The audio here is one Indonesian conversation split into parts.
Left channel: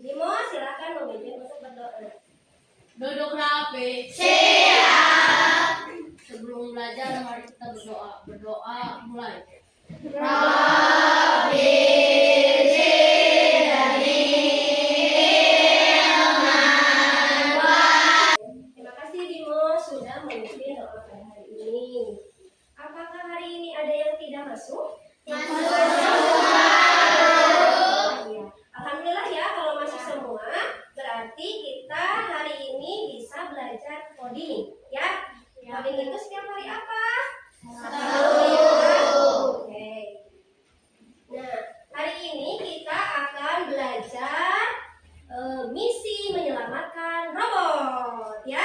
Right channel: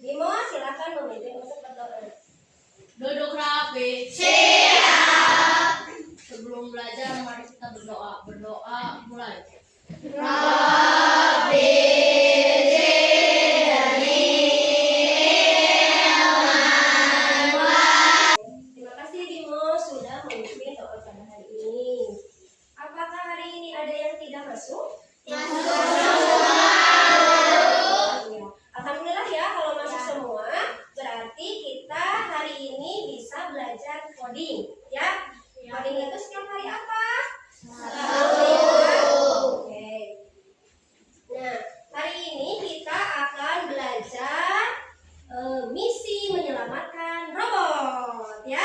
Bimo, silakan memimpin untuk berdoa. Duduk rapi. Siap. Sebelum belajar mari kita berdoa. Berdoa mulai. Rabbi zidni ilman. Terima kasih Bimo sudah memimpin doa pada hari ini. Apakah hari ini ada yang tidak masuk? Alhamdulillah ya, kalau masuk semua berarti kita hari ini bisa belajar coding ya. Coding itu setiap hari apa? Oke. Nah, hari ini kita akan belajar misi menyelamatkan robot ya.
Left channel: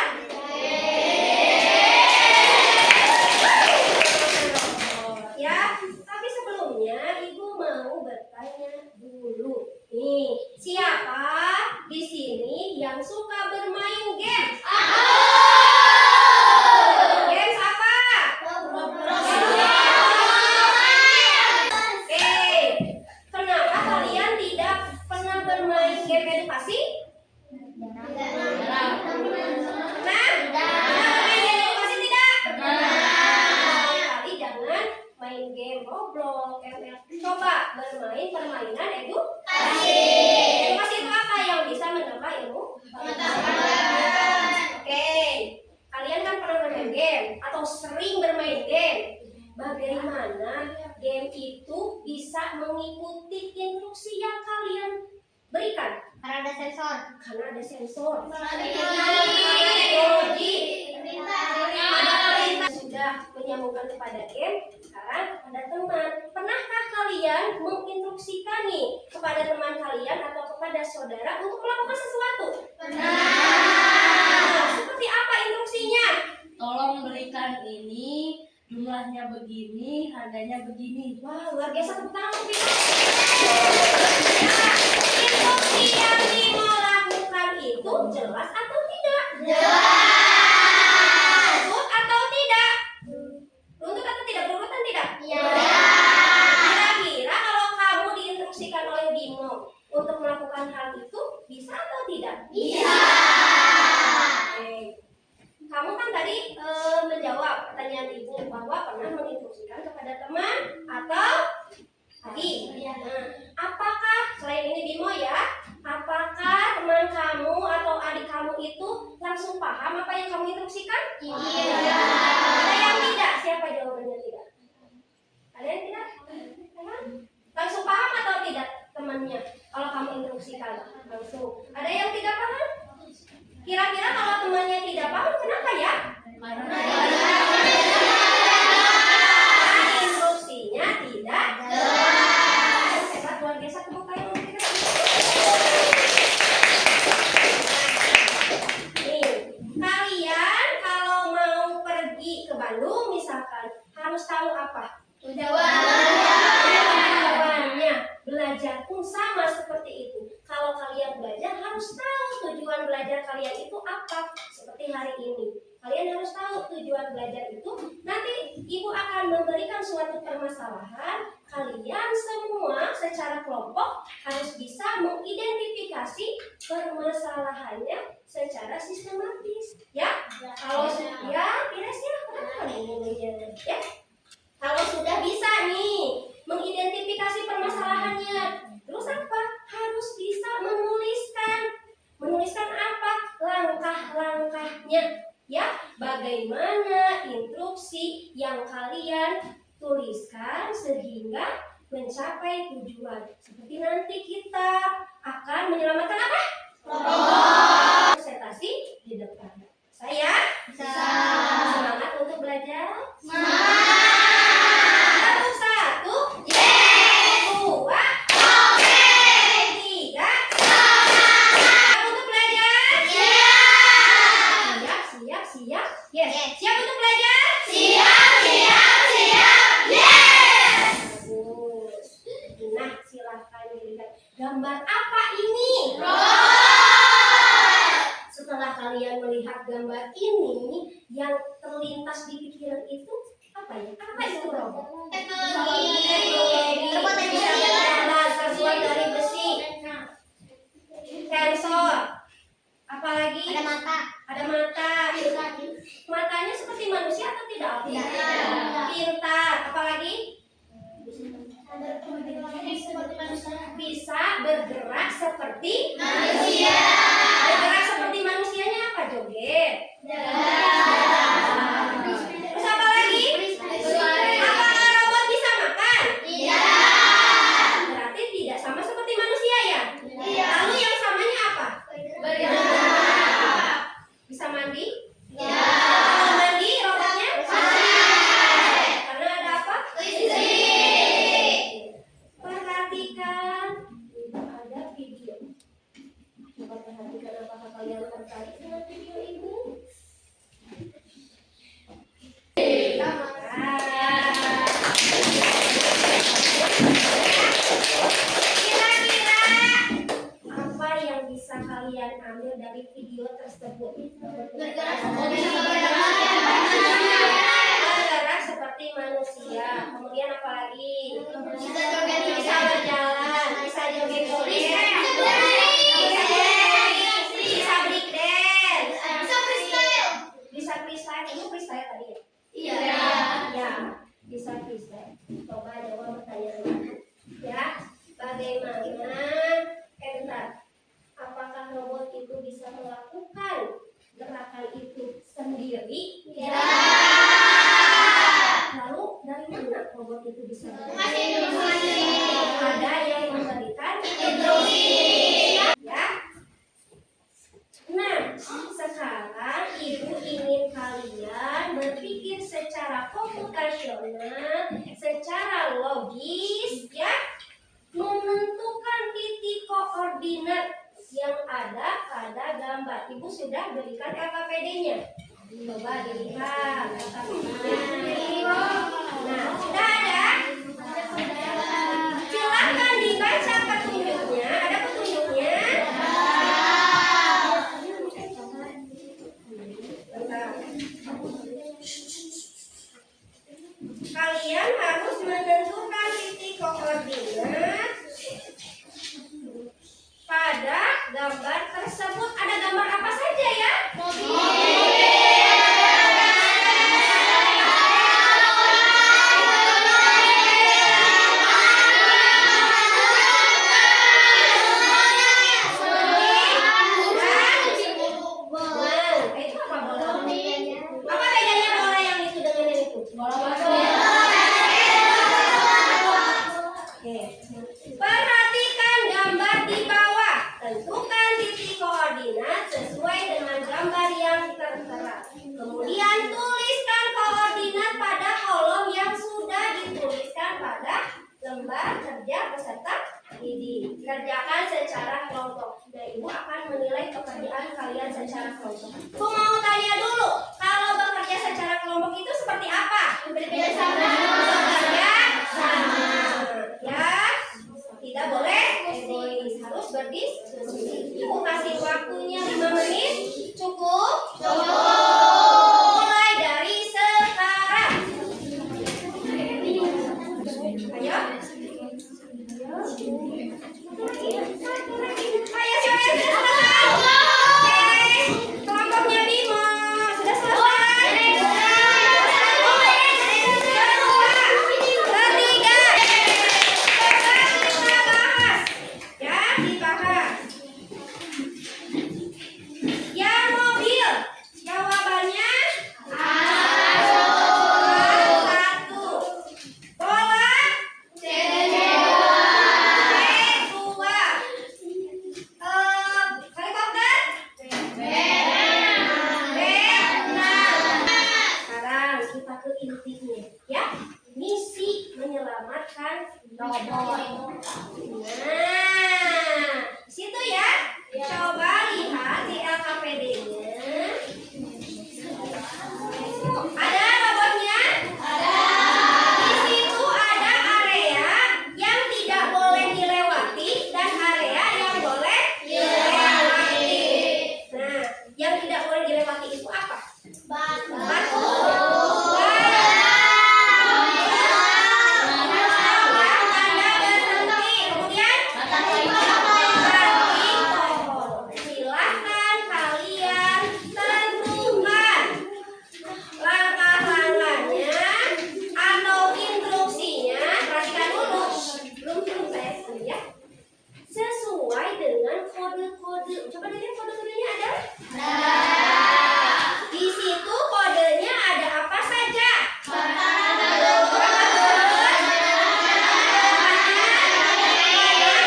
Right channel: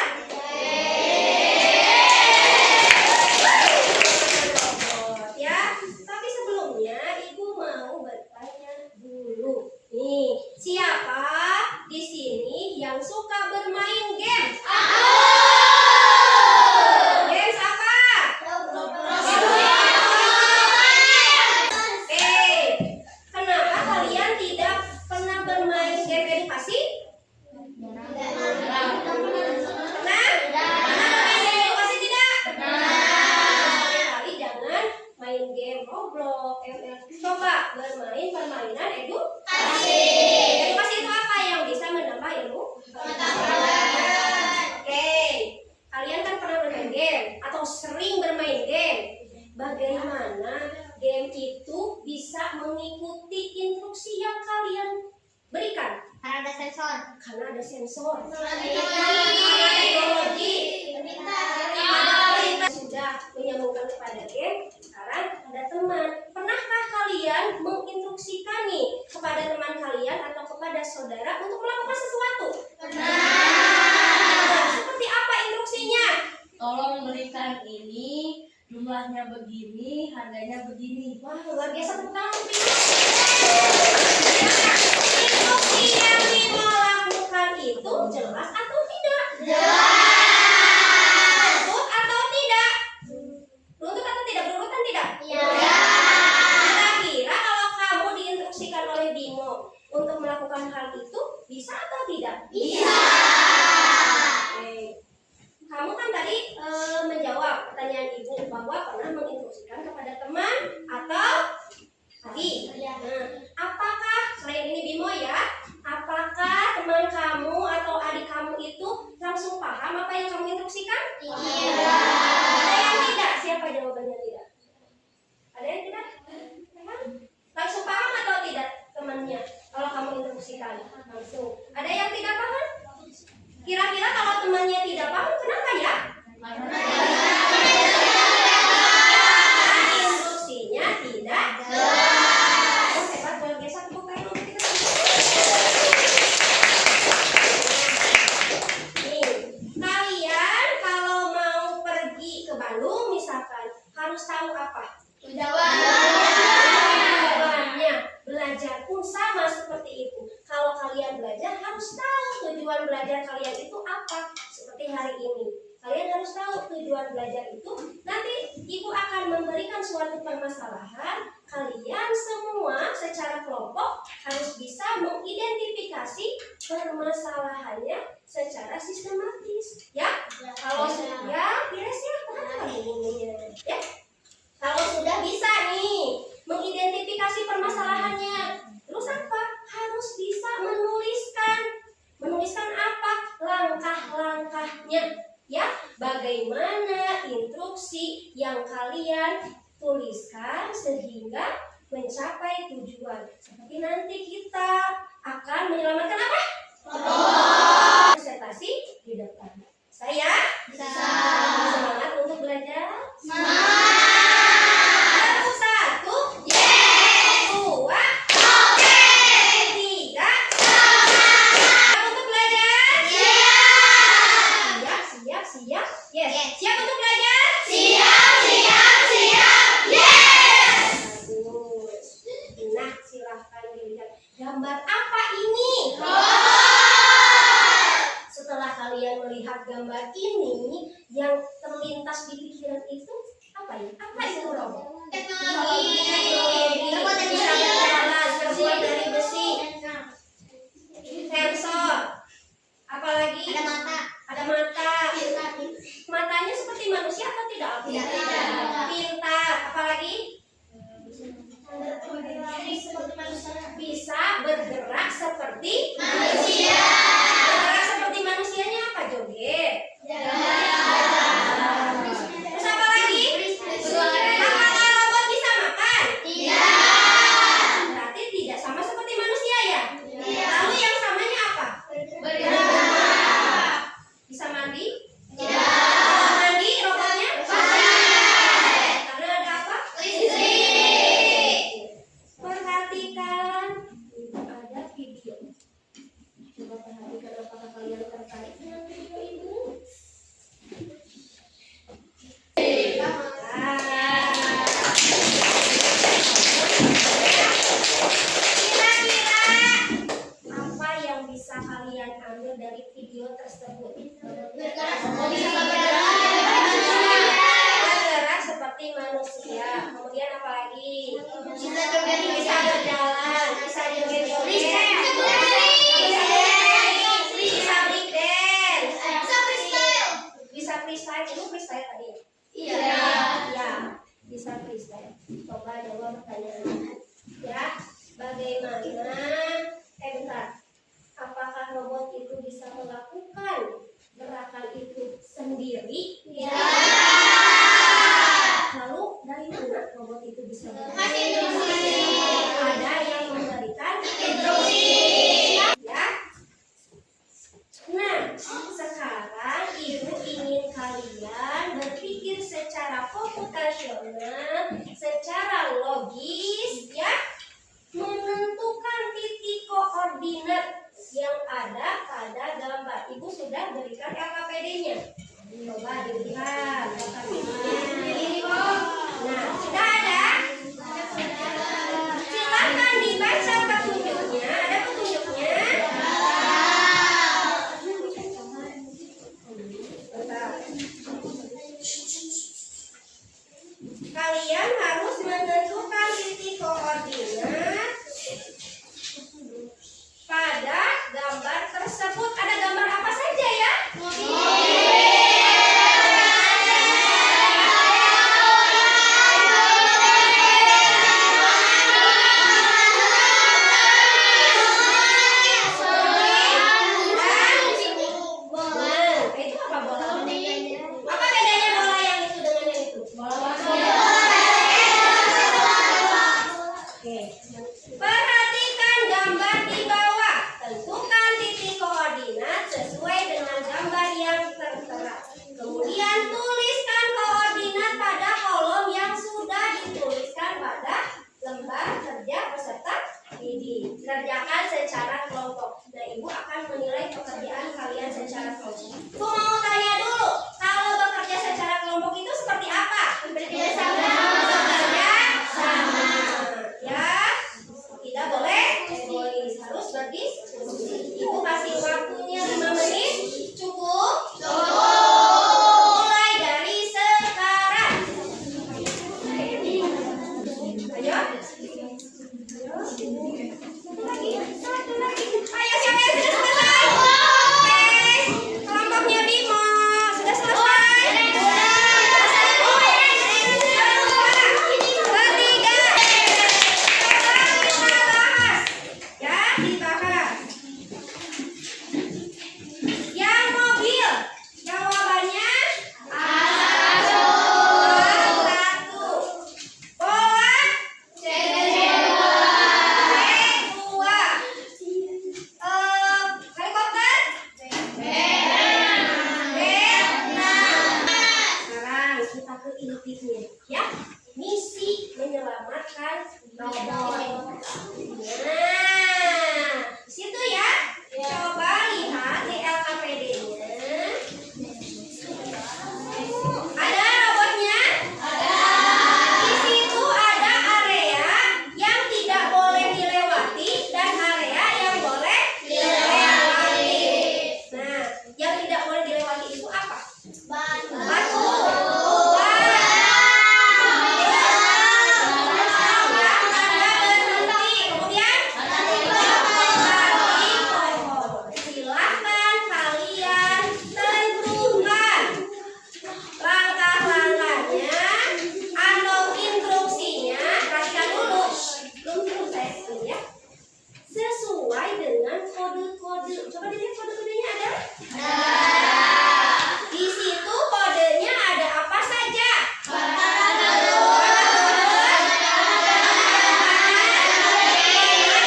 Robot ya. Tapi sebelumnya Ibu mau bertanya dulu. Nih, siapa di sini yang suka bermain game? Games apa? Oke. Kenapa kalian tidak pernah bermain game edukasi? Pernah? Edukasi tidak? Sekali jangan main game Roblox, ML. Coba bermain permainan edukasi. Edukasi itu apa yang bisa menambah ilmu? Oke. Kalian kan pernah bermain game atau sering bermain game. Bagaimana game itu bisa mengikuti instruksi yang kalian berikan? Karena ada sensor. Karena ada sensor. Karena Karena teknologi. Ada perintah sudah menyambungkan kepada game. Sekarang ada teman. Pernahkah kalian menginstruksikan nih kepada teman kalian atau kepada saudara untuk melakukan sesuatu? Nah, seperti apa instruksinya? Tolong berikan ini, jumlahnya begini, harganya begini. Wah, luar biasa, tepuk tangan untuk Bimo. Instruksi yang Bimo lakukan itu jelas atau tidak? Runtut atau tidak? Runtut atau tidak? Berurutan tidak? Kira-kira kalau kamu diinstruksikan oleh Bimo untuk melakukan hal itu, bisa atau tidak? Oke. Kamu kan tadi menjawab pertanyaan ibu bahwa pernah menginstruksikan kepada teman atau adik. Nah, apakah selain ini Bimo ya, apakah teman kamu atau adik kamu itu langsung paham apa yang kamu instruksikan? Ada yang tidak? Siapa jawabannya tidak? Ada yang tidak? Langsung paham atau tidak temannya kalau kamu instruksikan langsung? Ada yang tidak paham? Kira-kira kalau temannya tidak paham, kenapa ya? Karena Instruksinya tidak jelas. Hebat, luar biasa, tepuk tangan untuk kita. Nih, kalian kalau mau pergi ke Bandung misalkan harus tahu apa? Tujuannya. Belajar pun sama seperti itu. Kalau kalian belajar harus tahu tujuan belajar kalian itu apa. Seperti hari ini, kalian harus tahu tujuan belajar itu. Nanti ibu akan memberikan suatu permasalahan. Kalian semua secara kelompok harus bisa mengidentifikasi permasalahannya secara sistematis. Ya? Kalau ya, beres ya, paham ininya. Ya? Kalau sudah bisa nih mengidentifikasi permasalahannya, terus apa? Harus bisa menuliskan apa? Langkah-langkahnya, ya. Bagaimana instruksi yang kalian tuliskan sehingga mencapai tujuan. Seperti nanti kita akan menyelamatkan apa? Presentasi di depan. Saya semangat untuk belajar. Satu, dua, tiga. Siap untuk belajar? Siap. Yes. Siap untuk belajar? Bagus. Nah, silahkan dilihat. Gambar apa ini? Setelah kalian melihat gambar ini, yang terlintas di pikiran itu apa ya? Apa itu robot? Teknologi. Bisa berjalan, terbuat dari besi. tertarik dengan video ibu? Kira-kira apa yang bisa kalian ambil dari video tersebut? Bergerak seperti manusia. Kemudian apa lagi? Bisa berjalan, bisa joget-joget, bisa break dance, bisa freestyle. Itu freestyle tadi ya? Ya, bisa freestyle. Coba jawab pertanyaan ya. Bagaimana? Bentar. Apakah robot itu bisa melakukan gerakan itu sendiri? Ya. Lalu dari mana robot itu bisa bergerak? Ada yang memberikan instruksi. Ya. Nah, sekarang ibu ingin kalian berpikir secara komputasional, secara logis, ya, menentukan titik koordinat yang ada pada gambar. Ibu sudah berikan LKPD-nya. Coba dilihat LKPD-nya. Nah, sudah ada? Silakan dibaca petunjuknya. Ada petunjuknya? Bentar. Kalian harus menentukan titik koordinat pada gambar tersebut. Ada gambar apa saja ya? Itu apa bola? Apa bedanya bola yang itu dengan yang itu? Oke. Perhatikan gambar di bawah. Tentukan titik koordinat sesuai dengan gambar yang tertera. Kemudian tuliskan koordinat pada kolom yang sudah dituliskan pada lembar kerja peserta didik. Kerjakan secara kelompok. Nah, ibu akan menilai pekerjaan kalian secara kelompok. Ibu mau tanya dulu, kalau bekerja secara kelompok itu seperti apa? Bekerja sama. Ya, tidak boleh egois, harus berdiskusi. Ibu kasih waktunya 5 menit, cukup? Mulai dari sekarang. Ayo. Satu lagi. Ayo, sebentar. Oke, kelompoknya Bimo sudah selesai. Dibahas. Yang mobil, jawabannya satu. Bola, dua. Helikopter, sekarang kita ke intinya, ya. Misi menyelamatkan robot. Nah, di situ ya. Coba lihat di LKPD-nya. Ada robotnya? Di situ ada area yang tidak boleh dilewati dan area yang boleh dilewati. Nah, yang tidak boleh dilewati itu apa? Batu. Kemudian silahkan kalian tentukan langkah-langkahnya atau instruksinya. Perhatikan dulu, belum selesai ya. Sesuai dengan kode-kode. Coba dilihat kode-kodenya ada? Di situ kodenya ada apa saja?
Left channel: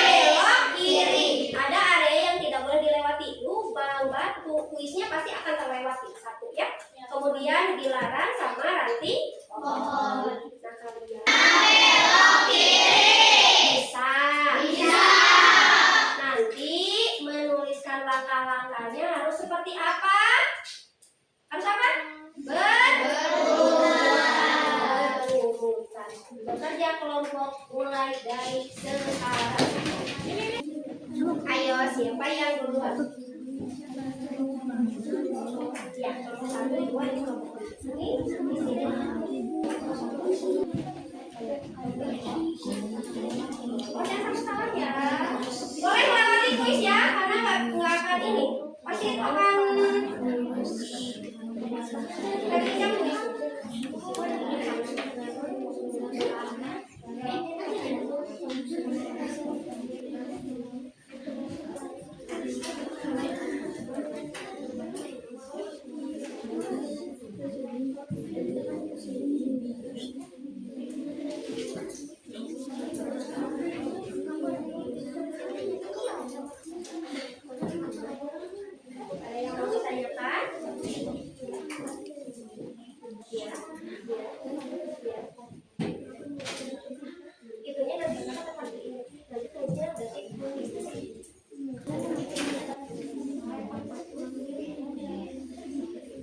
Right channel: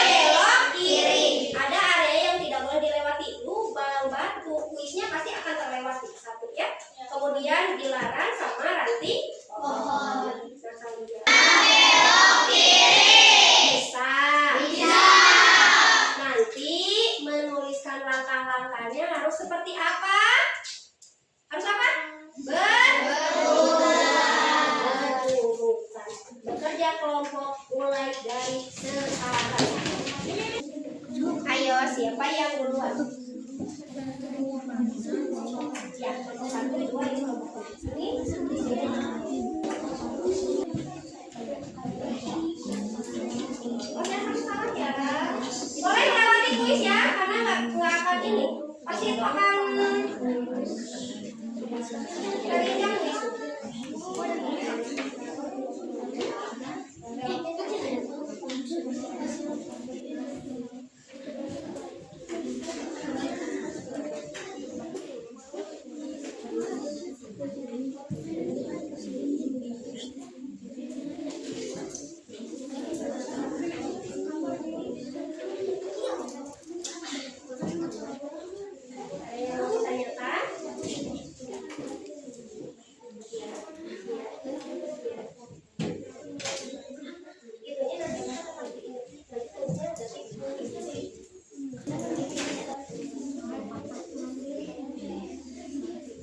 Belok kiri. Ada area yang tidak boleh dilewati. Lubang, batu, kuisnya pasti akan terlewati. Satu ya. Kemudian dilarang sama ranting pohon. Nah, kalian bisa. Nanti menuliskan menjelaskan langkah-langkahnya harus seperti apa? Harus apa? Berurutan. Bekerja kelompok mulai dari sekarang. Ayo, siapa yang duluan? Ya, kelompok 1, 2, ini kelompok ini. Oh, jangan sama-sama ya. Boleh melewati kuis ya, karena nggak akan ini. Pasti itu akan dari jam ada yang mau ditanyakan? Ya, itunya nanti kita seperti ini. Nanti tulisnya berarti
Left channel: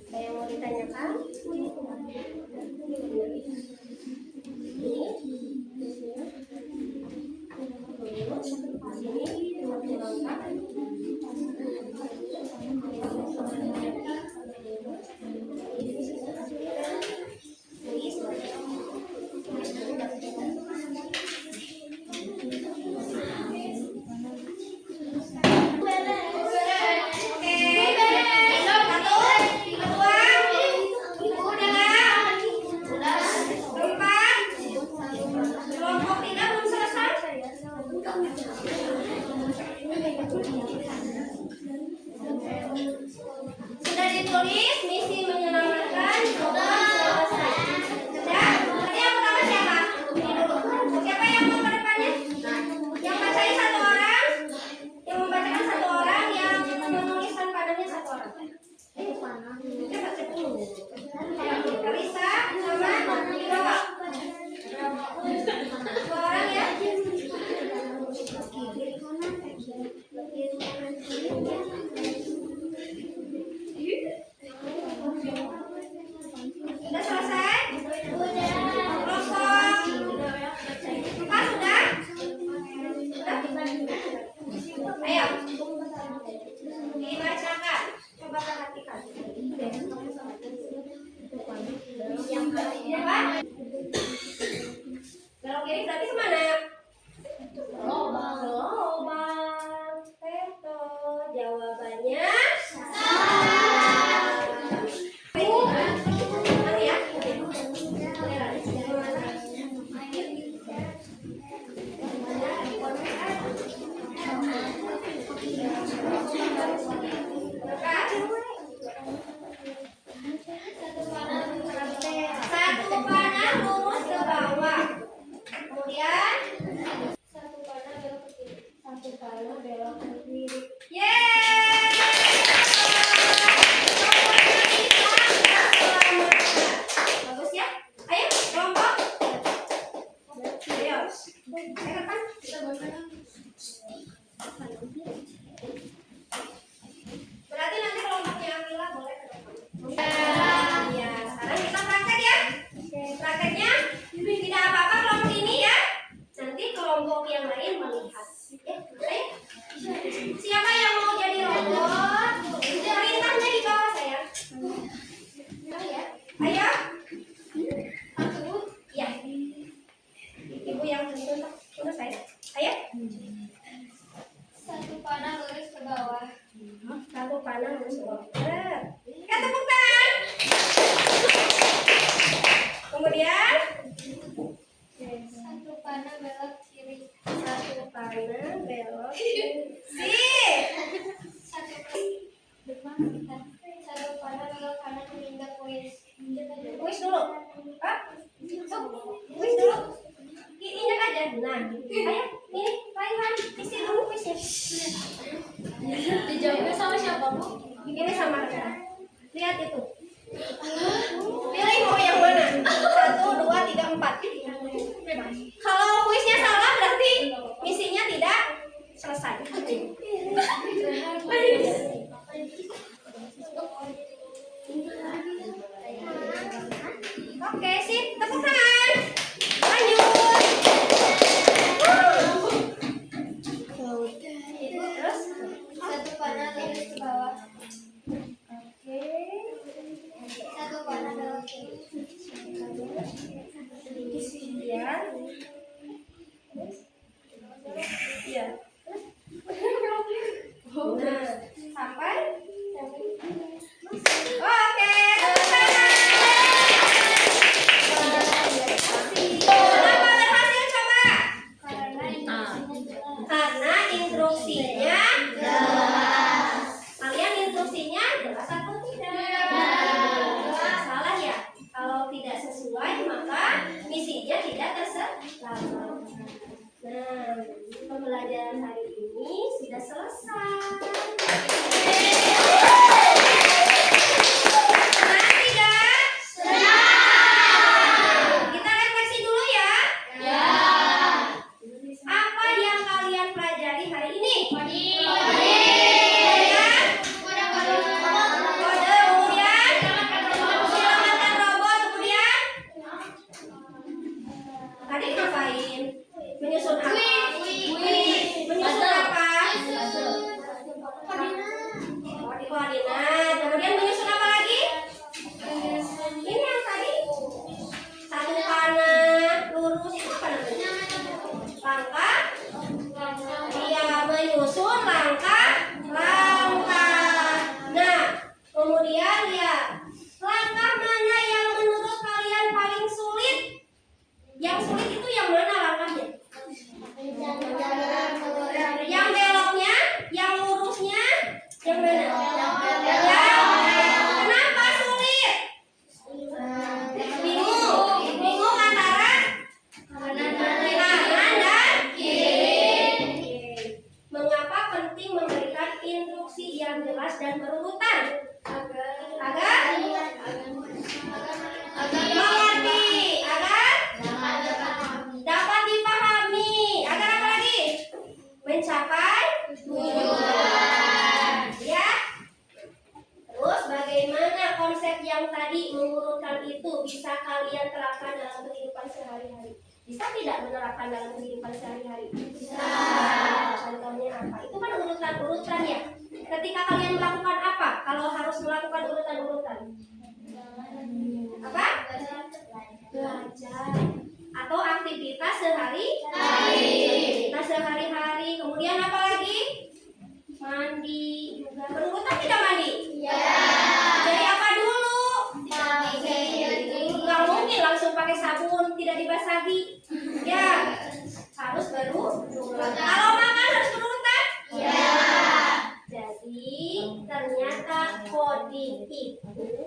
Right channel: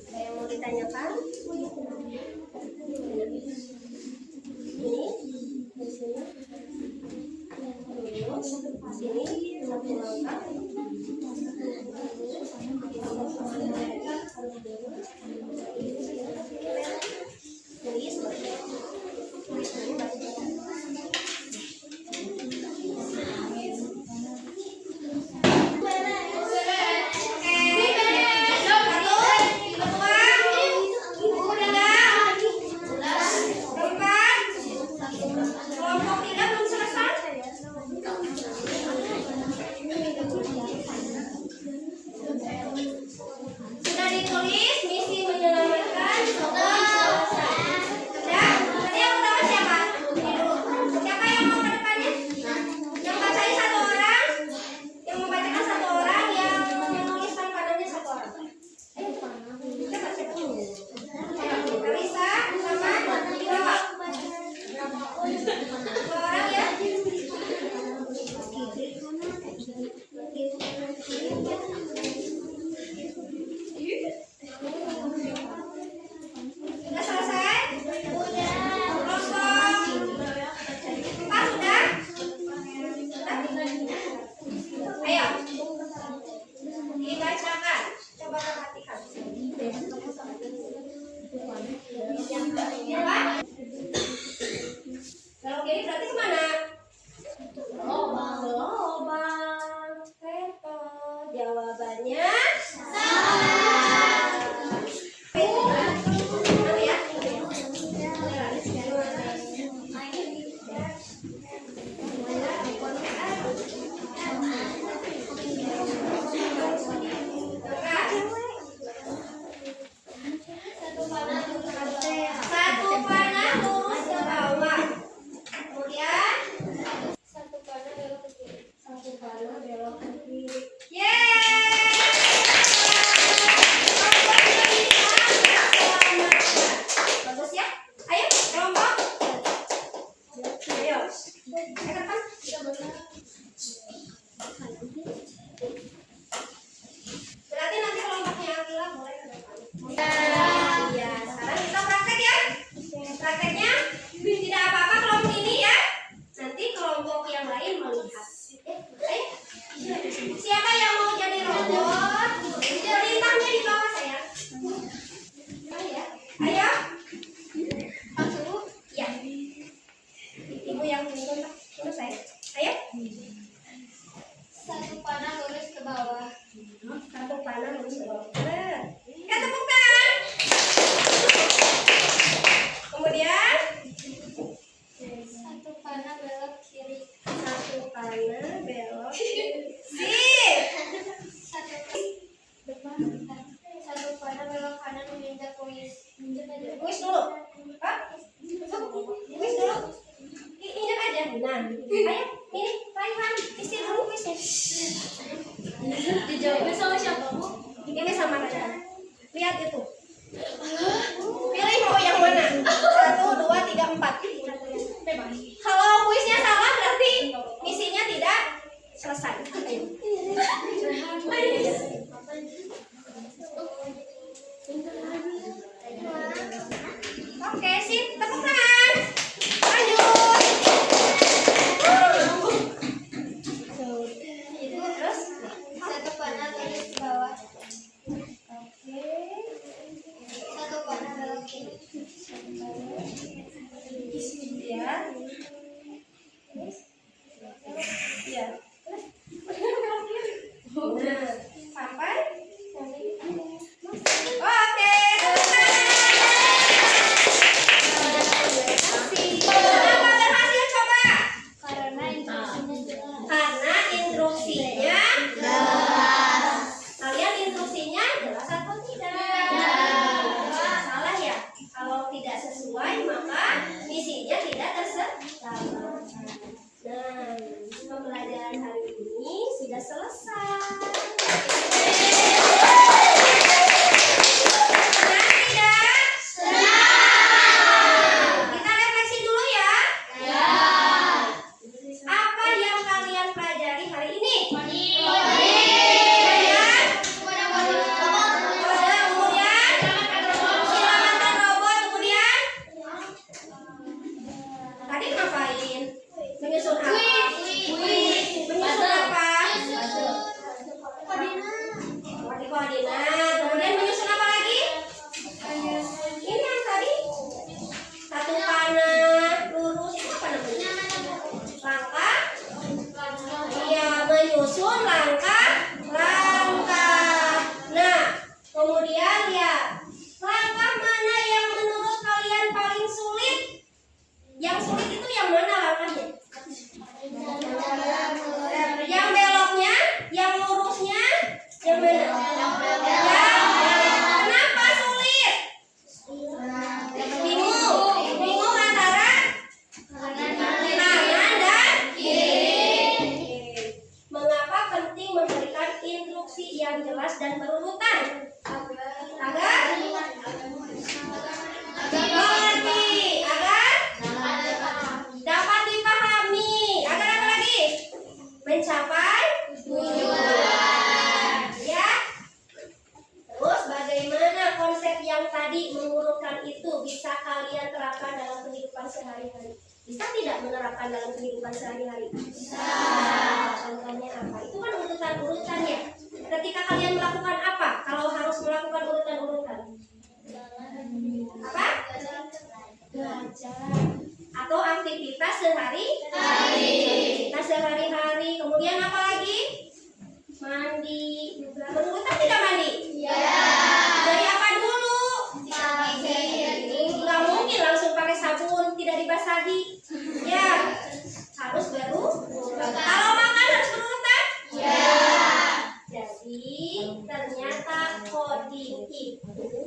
ada yang mau ditanyakan? Ini, di sini. Terus, sini satu langkah. Kelompok tidak belum selesai. Sudah ditulis misi menyelamatkan belum selesai. Sudah? Berarti yang pertama siapa? Siapa yang mau ke depannya? Yang bacanya satu orang, yang membacakan satu orang, yang menuliskan padanya satu orang. Siapa siapa? Karisa sama Iwa. Dua orang ya. Sudah selesai? Sudah. Kelompok 4 sudah? Sudah? Ayo. Dibacakan. Coba perhatikan. Apa? Kalau kiri berarti kemana? Lobang. Teto. Jawabannya Mana ya? Satu panah lurus ke bawah. Kemudian satu panah belok ke kiri. Satu panah belok ke kiri. Yeay! Bagus ya. Ayo kelompok. Ayo. Ke depan. Berarti nanti kelompoknya Akila boleh ke depan. Ya, sekarang kita praktek ya. Prakteknya tidak apa-apa kelompok ini ya. Nanti kelompok yang lain melihat. Ya, ayo. Siapa yang mau jadi robot? Perintahnya di bawah saya. Ayo. Ayo. Satu. Ya. Ibu yang tuntun selesai. Ayo. Satu panah lurus ke bawah. Satu panah lurus ke bawah. Tepuk tangan. Kemudian Satu panah belok kiri. satu panah belok. Sip. Satu panah belok kanan menginjak kuis. Kuis dulu. Hah? Kuis dulu. Injak aja. Nah, ayo. Ini Raihan. Isi dulu kuisnya. Dijawabnya sama siapa, Bu? Ini sama Yang mana? Ya. Kenapa sulit? Bingung. Bingung antara kanan dan kiri. Mengapa penting memberikan instruksi yang jelas dan berurutan? Agar mengerti, agar dapat dipahami, agar apa lagi? Mencapai tujuan. Ya. Terus bagaimana konsep yang tadi mengurutkan itu bisa kalian terapkan dalam kehidupan sehari-hari? Bisa tidak menerapkan dalam kehidupan sehari-hari? Bisa. Contohnya apa? Itu kan urutan-urutan ya. Ketika kalian melakukan apa? Kalau harus melakukan urutan-urutan? Apa? Belajar. Atau aktivitas sehari-hari. Aktivitas sehari-hari. Kemudian apa lagi? Mandi juga. Berurutan tidak mandi? Iya. Dari apa dulu? Nggak mungkin langsung pakai sabun tidak dibasahi. Ya, harus berurutan. Kalau makan harus berurutan? Iya. Jadi ternyata coding itu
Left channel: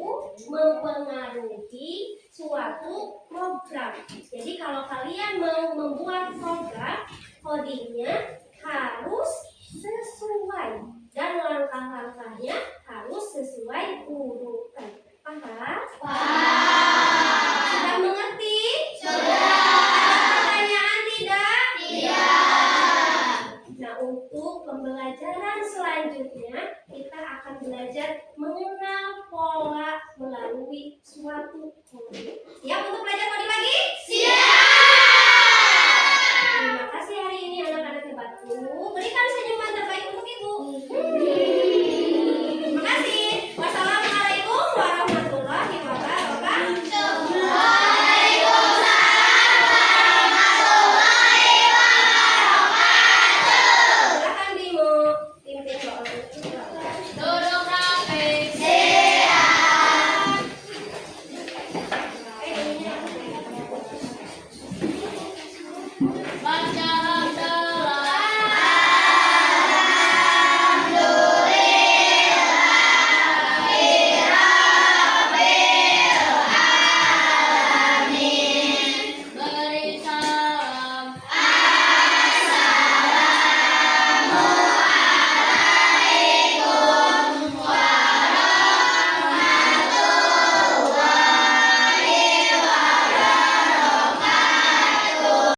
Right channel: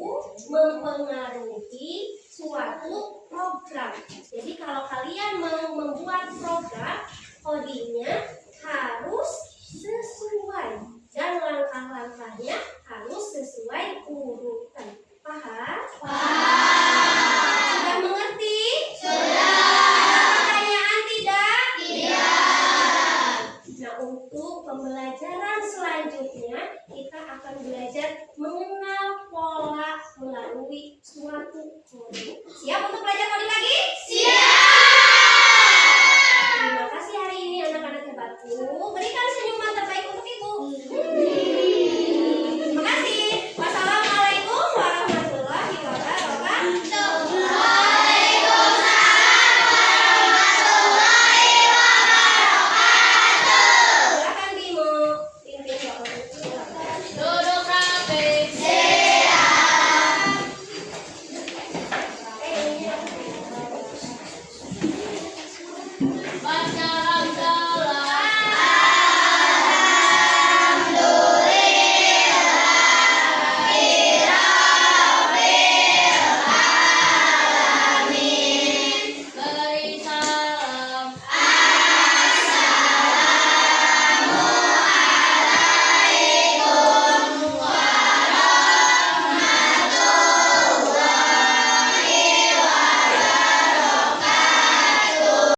mempengaruhi suatu program. Jadi kalau kalian mau membuat program, codingnya harus sesuai dan langkah-langkahnya harus sesuai urutan. Paham? Paham. Sudah mengerti? Sudah. Ada pertanyaan tidak? Tidak. Nah, untuk pembelajaran selanjutnya kita akan belajar